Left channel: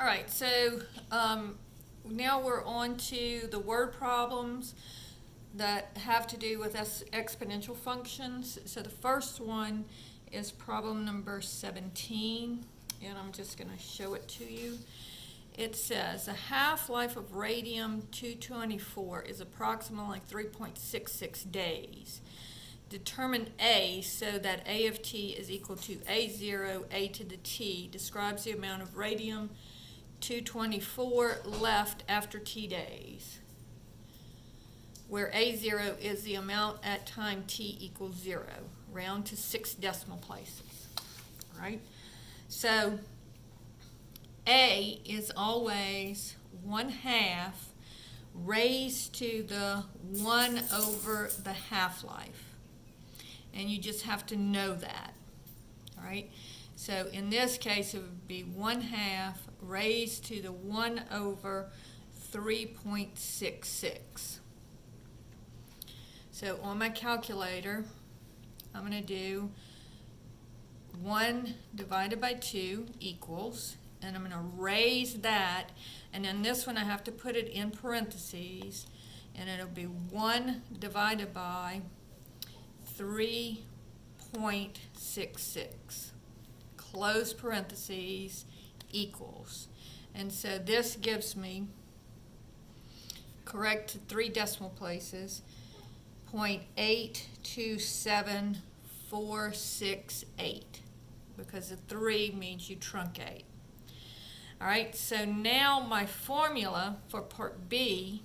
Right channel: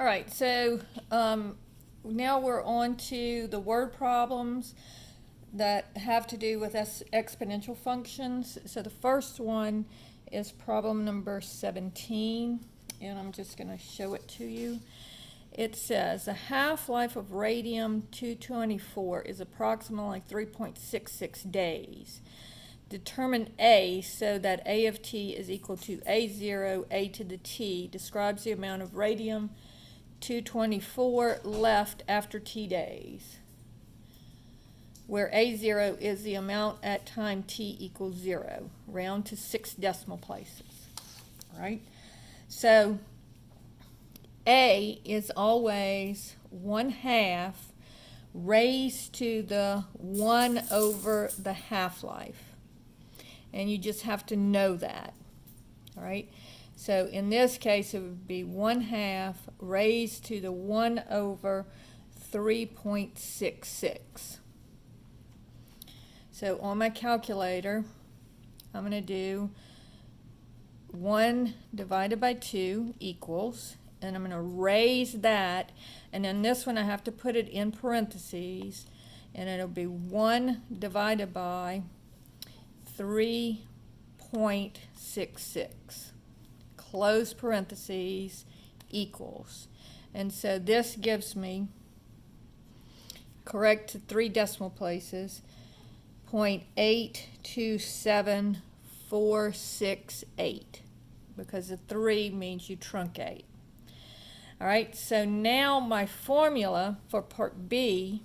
All right, so now we're on to the word problems that have to do with exponential functions. So the first one is problem number 17, and I'm just going to show it to you. It says the half-life of radium-224 is approximately 3.66 days. Determine A so that A of t is equal to A0, A to the t, describes the amount of radium-224 left after t days, where A0 is the amount at time t equals 0. Round to 6 decimal places. All right? So A is always 1/2 raised to the 1 over the half-life. And you just have to know that. All right? So in this case, it would be 1/2 raised to the 1 over 3.66. So on my calculator, I'm going to do 1 divided by 2 equals, and I'm going to raise that, and then this one I have to put it in parentheses, and it'll be 1 divided by 3.66, close parentheses, equals. And so this gives me, correct to 3 decimal places, 0.827468, because the 3 means you truncate. All right, so now my formula for part B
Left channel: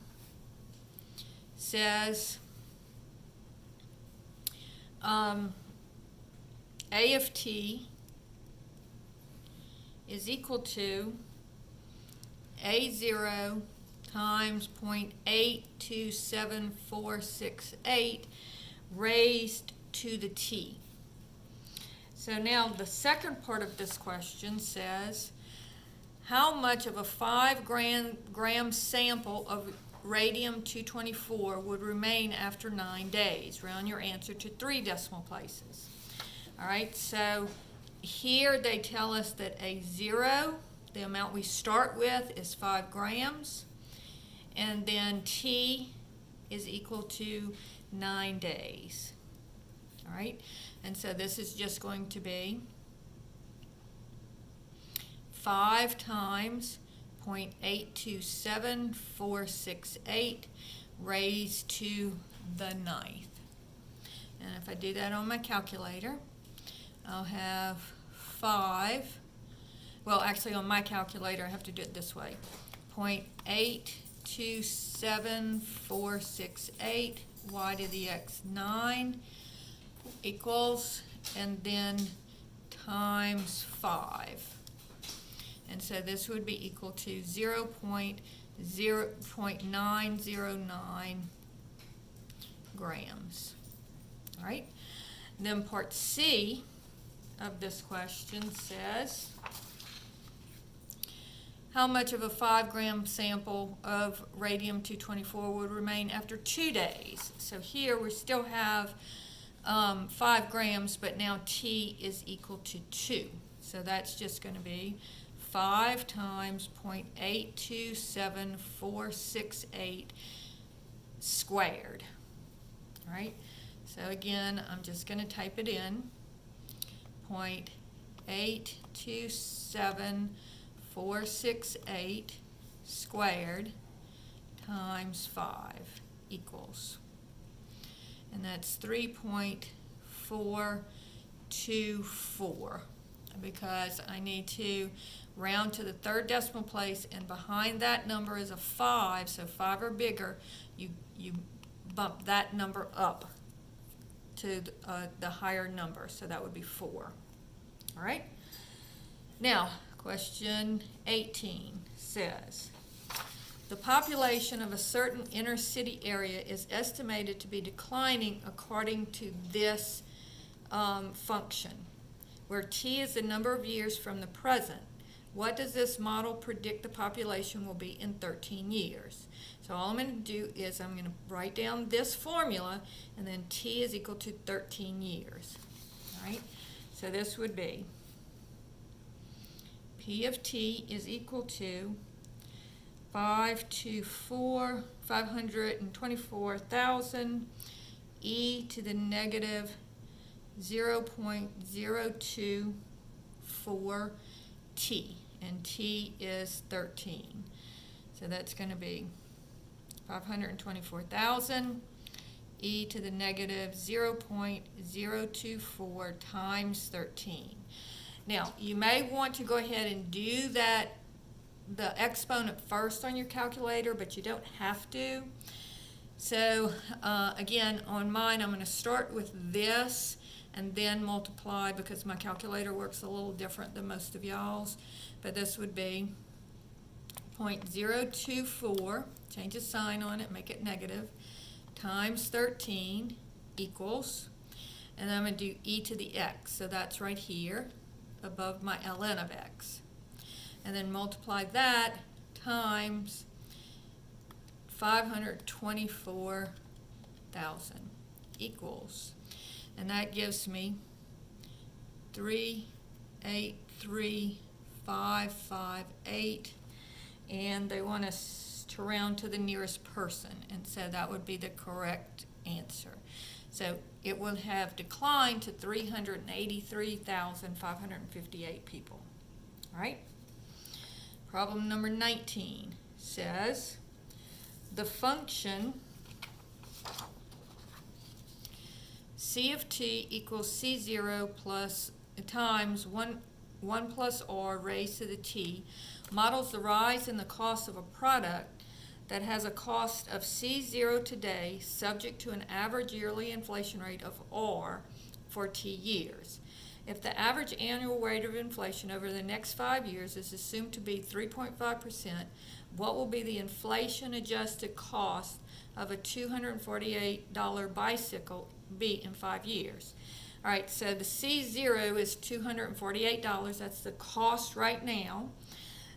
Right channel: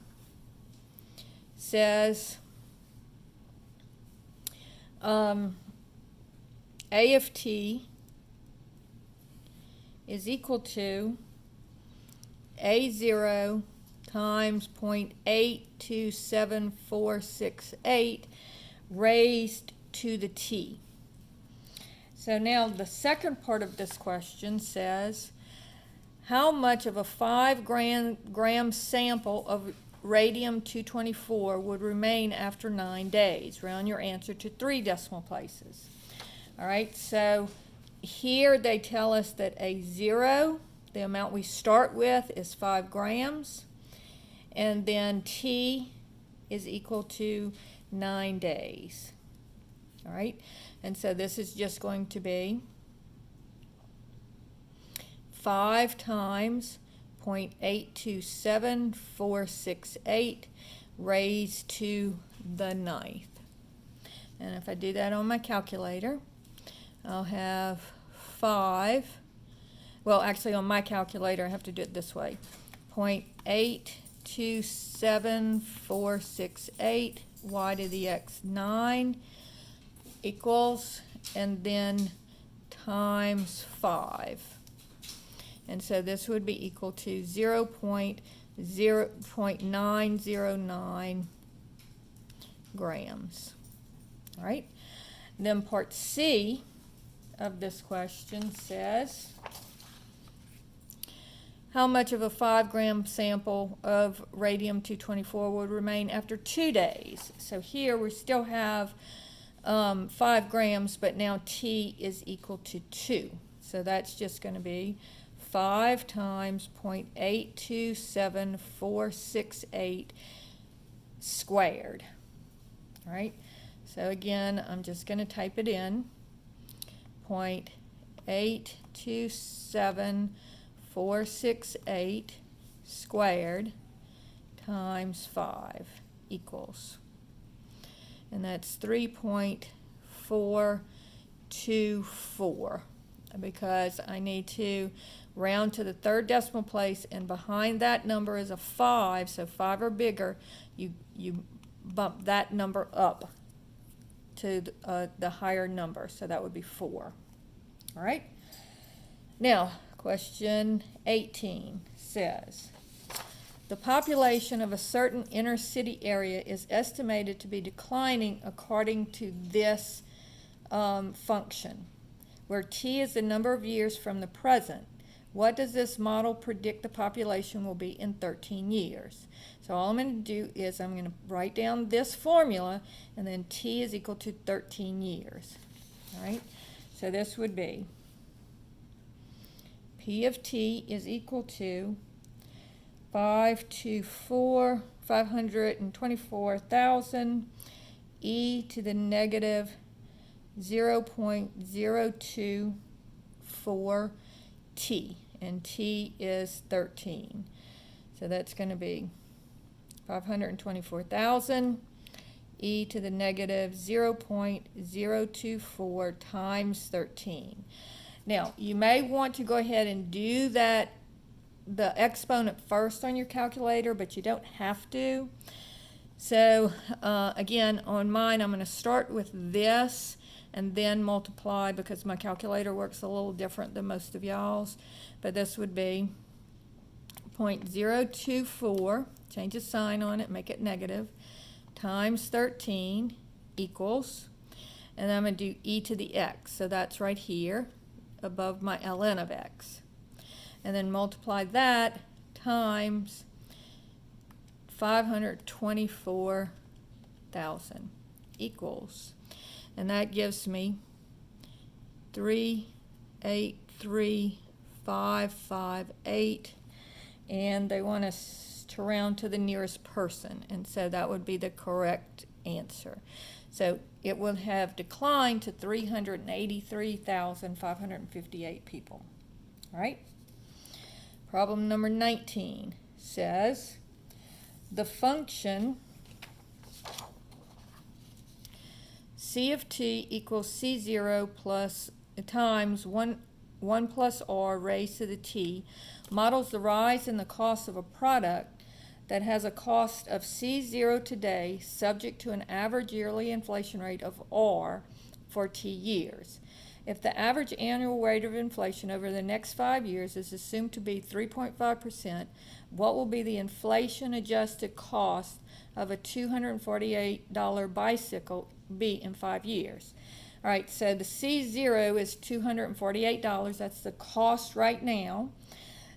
says A of t is equal to A0 times 0.827468 raised to the t. So now the second part of this question says, how much of a 5 gram sample of radium-224 would remain after 9 days? Round your answer to 3 decimal places. All right, so here they tell us that A0, the amount we start with, is 5 grams, and then T is equal to 9 days. All right, and so this is just going to be 5 times 0.827468 raised to the 9th. And if I do that on my calculator, I'll have 5. Well, actually on my calculator I have to do it this way. 0.827468 y to the x 9 equals, and then times 5. And so this would be equal to 0.909 grams. All right. Then part C of this question says, how much of a 5 gram sample of radium-224 would remain after 2 days? So here we still have 5 grams, but now T is equal to 2. So that's just going to be 5 times 0.827468 squared. All right, so again, I'm just going to type it in. 0.827468 squared times 5 equals, and that's 3.424, because I need to round to the 3rd decimal place, and behind that number is a 5, so 5 or bigger, you bump that number up to the higher number, so that would be 4. All right. Now, question 18 says, the population of a certain inner city area is estimated to be declining according to this function, where t is the number of years from the present. What does this model predict the population will be in 13 years? So all I'm going to do is I'm going to write down this formula, and then t is equal to 13 years. All right? So this would be P of t is equal to 524,000 e to the negative 0.024 t, and t is 13. So that's going to be 524,000 e to the negative 0.024 times 13. Now, you may want to go ahead and do that, the exponent first on your calculator, but you don't have to. So again, on mine, I'm going to start with this and then multiply, because my calculator works a little different than most of y'all's. But this would be 0.024, change the sign on it, make it negative, times 13 equals, and then I'm going to do e to the x. So that's right here above my ln of x. And then multiply that times 524,000 equals, and that gives me 383,558, and they want us to round to the nearest person, and so that would be the correct answer. So it would have declined to 383,558 people. All right? Problem number 19 says the function c of t equals c0 plus times 1 plus r raised to the t models the rise in the cost of a product that has a cost of c0 today, subject to an average yearly inflation rate of r for t years. If the average annual rate of inflation over the next 5 years is assumed to be 3.5%, what will be the inflation-adjusted cost of a $248 bicycle be in 5 years? All right, so the C0 is $248. That's the cost right now.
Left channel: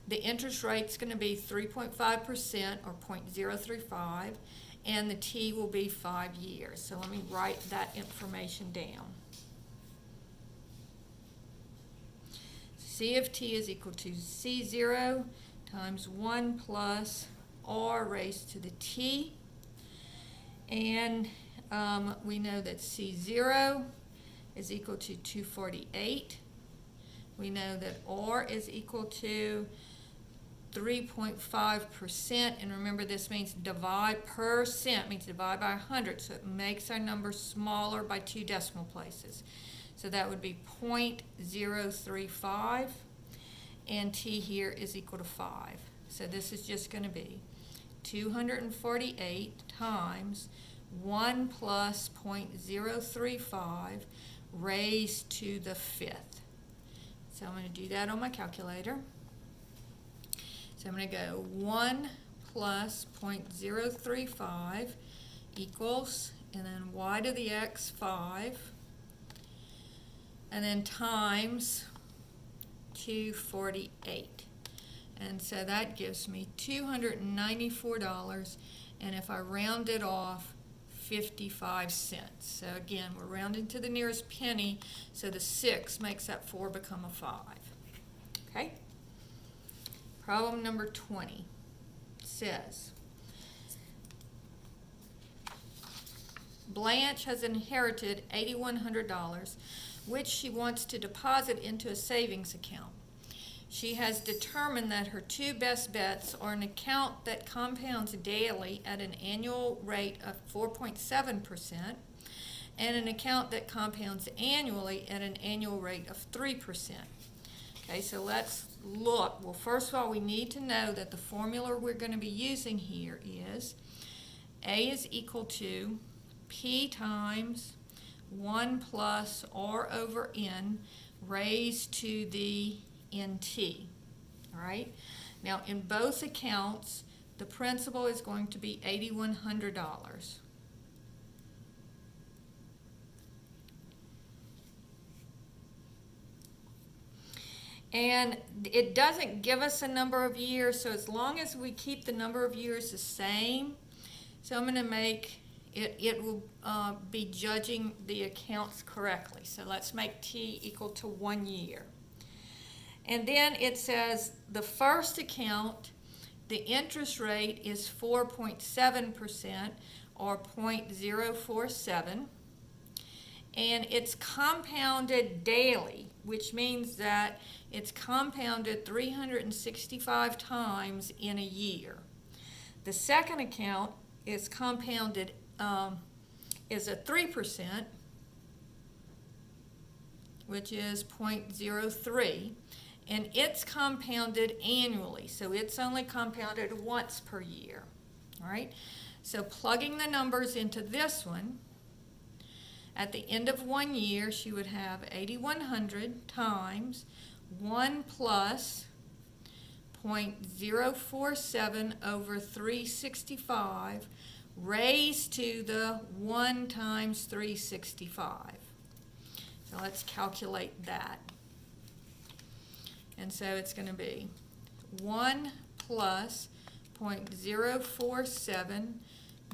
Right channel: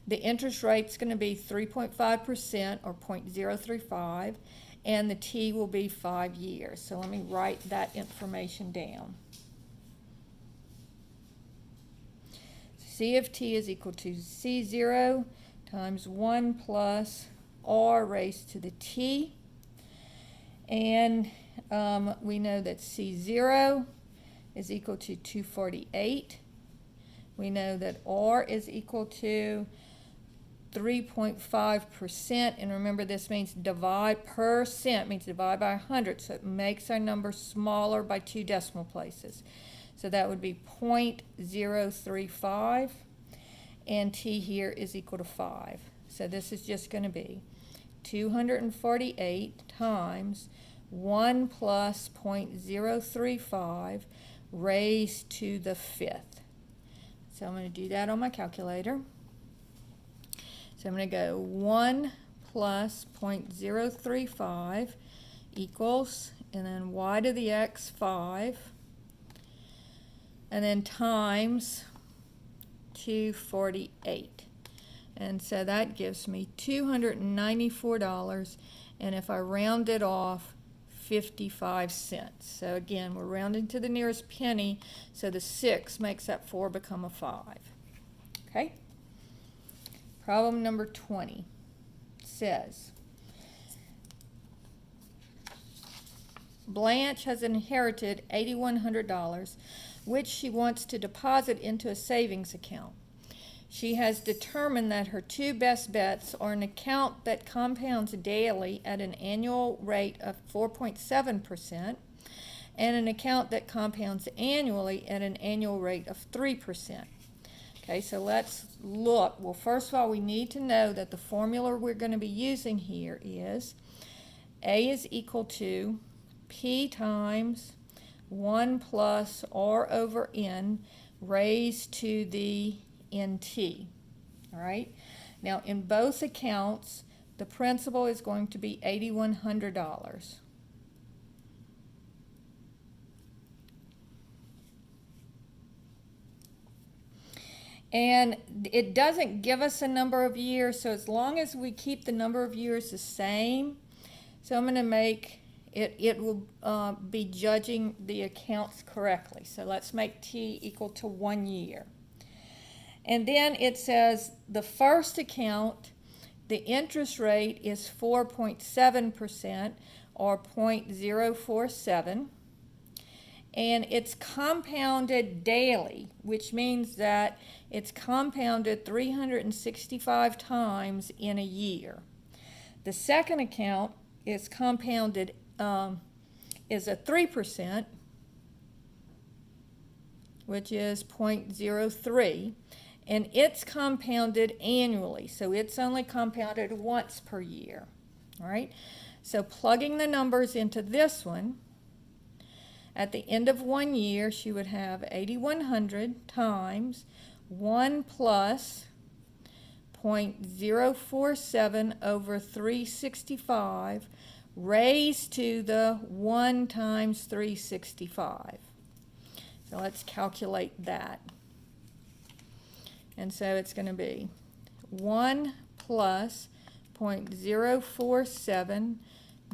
The interest rate's going to be 3.5% or 0.035, and the T will be 5 years. So let me write that information down. C of t is equal to C0 times 1 plus r raised to the t. And we know that C0 is equal to 248. We know that r is equal to 3.5%, and remember this means divide percent, means divide by 100, so it makes our number smaller by 2 decimal places. So that would be 0.035, and t here is equal to 5. So this is just going to be 248 times 1 plus 0.035 raised to the 5th. So I'm going to do that on my calculator. So I'm going to go 1 plus 0.035 equals, and then y to the x 5, and then times 248. And so that gives me $294, and if I round it off, 55 cents. So again, we're rounding to the nearest penny, so the 6 makes that 4 become a 5. Okay? Problem number 20 says, Blanche has inherited $8,100, which she wants to deposit into a savings account. She has determined that her 2 best bets are an account that compounds daily at an annual rate of 4.7% and an account that compounds annually at an annual rate of 3%. Okay, so let's look. Well, first of all, we need to know that the formula we're going to be using here is A is equal to P times 1 plus R over N raised to the NT. All right. Now, in both accounts, the principal is going to be $8,100. And it doesn't give us a number of years, so as long as we keep the number of years the same, so I'm going to make it will be judging the accounts correctly. So let's make T equal to 1 year. And then it says the first account, the interest rate is 4.7% or 0.047. And it's compounded daily, which means that it's compounded 365 times in a year. The second account is compounded, is a 3%, which is 0.03, and it's compounded annually, so it's only compounded once per year. All right, so plugging the numbers into this one, at the end of 1 year, she would have 8,100 times 1 plus 0.047 over 365 raised to the 1 times 365. So let's calculate that. And so it's going to be 1 plus 0.047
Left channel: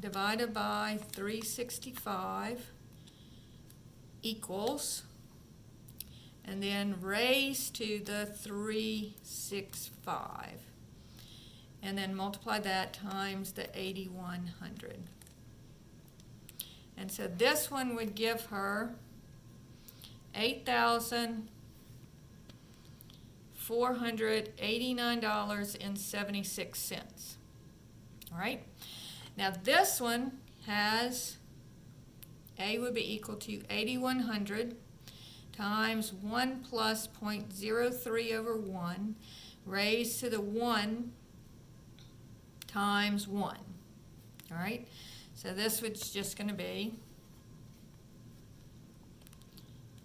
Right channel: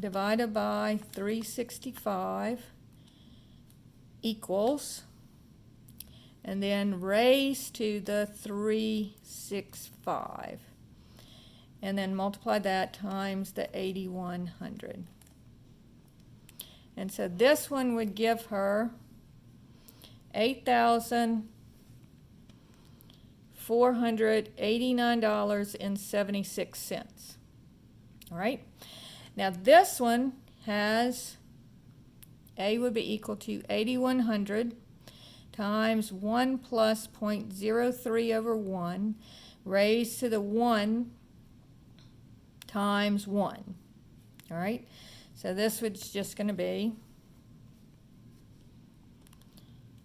divided by 365 equals, and then raised to the 365, and then multiply that times the 8,100. And so this one would give her $8,489.76. All right. Now this one has, A would be equal to 8,100 times 1 plus 0.03 over 1 raised to the 1 times 1. All right. So this was just going to be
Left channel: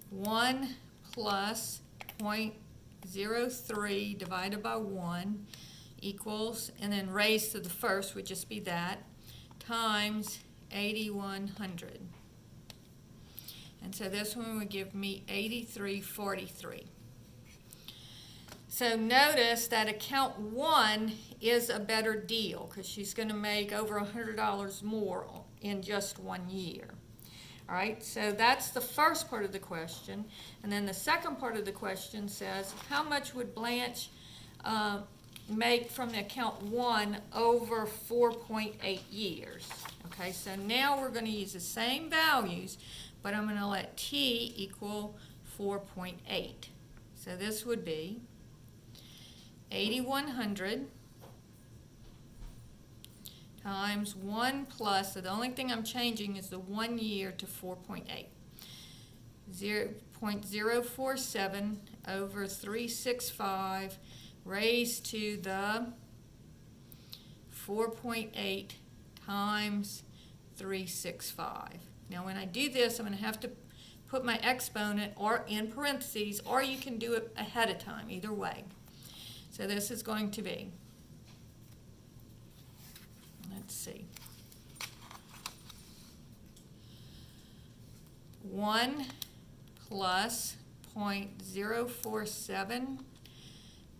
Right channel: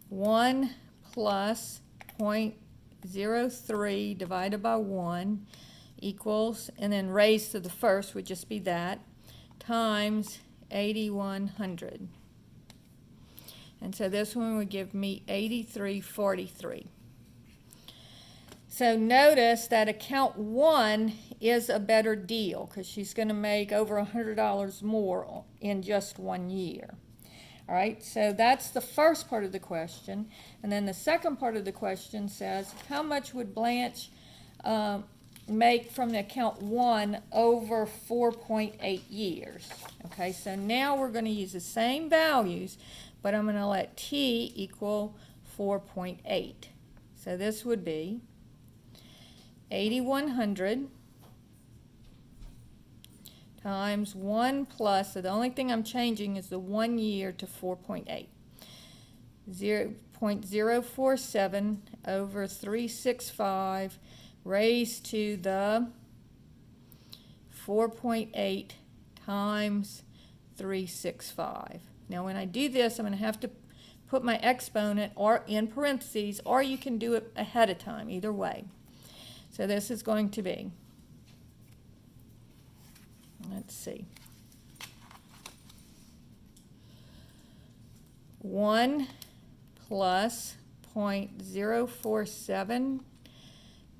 1 plus 0.03 divided by 1 equals, and then raised to the first would just be that, times 8,100. And so this one would give me 83.43. So notice that account 1 is a better deal because she's going to make over $100 more in just 1 year. All right, so that's the first part of the question. And then the second part of the question says, how much would Blanche make from the account 1 over 4.8 years? Okay, so now we're going to use the same values, but I'm going to let T equal 4.8. So this would be 8,100 times 1 plus, so the only thing I'm changing is the 1 year to 4.8. 0.047 over 365 raised to the 4.8 times 365. Now when I do this, I'm going to have to put my exponent or in parentheses, or you can do it ahead of time, either way. So this is going to be, let's see, 1 plus 0.047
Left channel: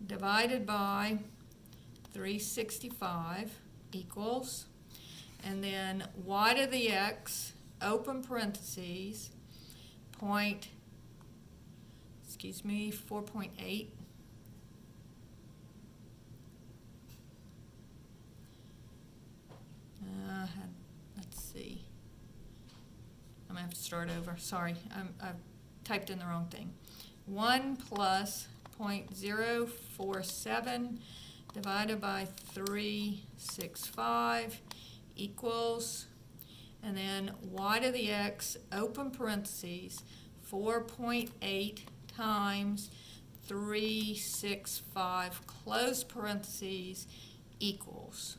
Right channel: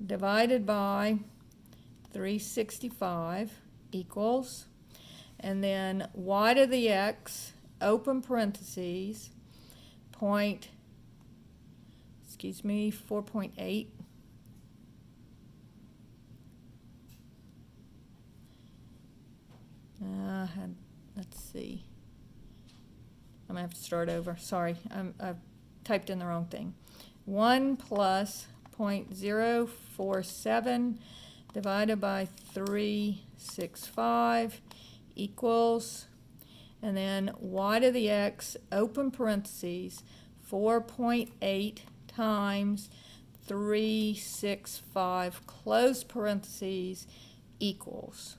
divided by 365 equals, and then y to the x, open parentheses, 4.8. Let's see. I'm going to have to start over. Sorry, I've typed in the wrong thing. 1 plus 0.047 divided by 365 equals, and then y to the x, open parentheses, 4.8 times 365, close parentheses, equals.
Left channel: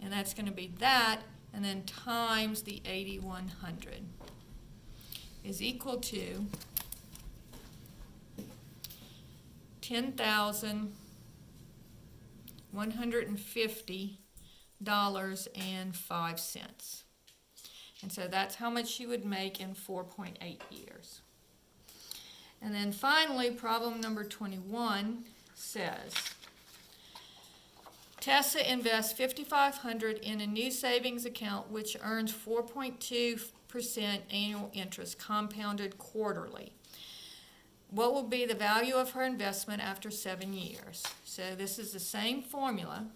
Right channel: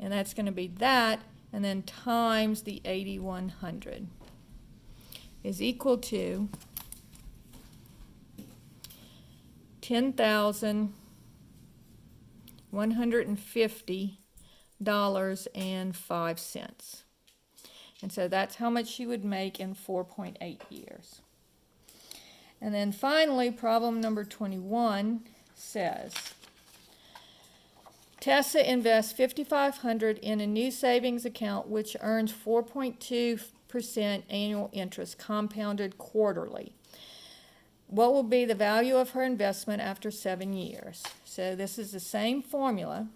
And that's going to be that, and then times the 8,100 is equal to $10,150.05. And so that's how much she would make in 4.8 years. And then finally, problem number 21 says, Tessa invests $5,500 in a new savings account which earns 4.2% annual interest compounded quarterly. what will be the value of her investment after 7 years? So this is the same formula.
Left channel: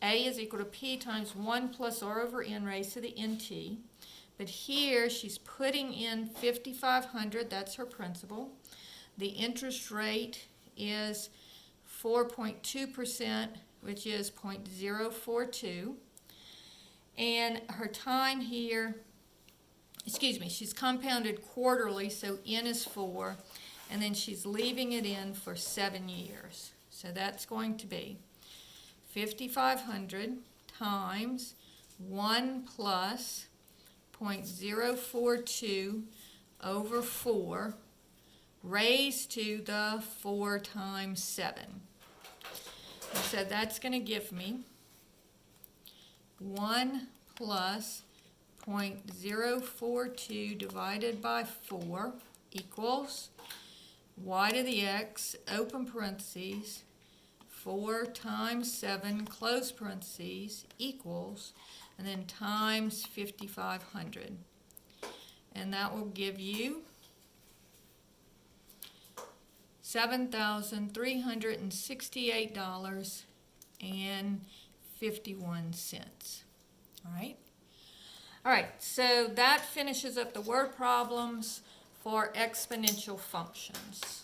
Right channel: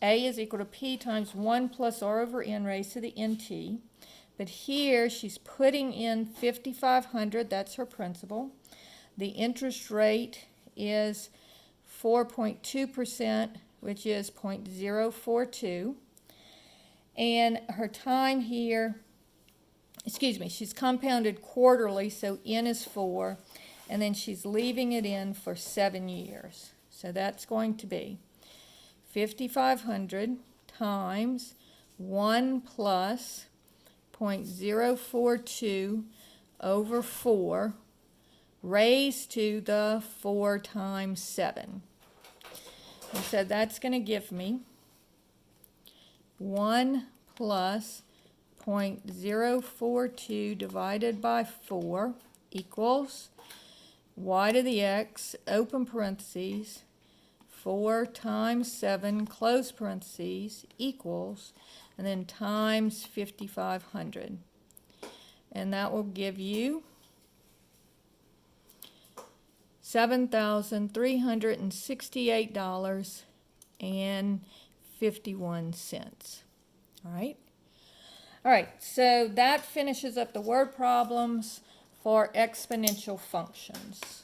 A is equal to P times 1 plus R over N raised to the NT. But here she's putting in 5,500, that's her principal. The interest rate is 4.2%, which is 0.042. And her time here, she's compounded quarterly, so N is 4. And then she's leaving it in for 7 years. So that's going to be 5,500 times 1 plus 0.042 over 4 raised to the 4 times 7. And so that's going to give me 1 plus 0.042 divided by 4 equals y to the x, open parentheses, 4 times 7, close parentheses, equals, and then times 5,500. And that will give you $7,368.51. All right? All right, so that finishes up the word problems for exponential functions.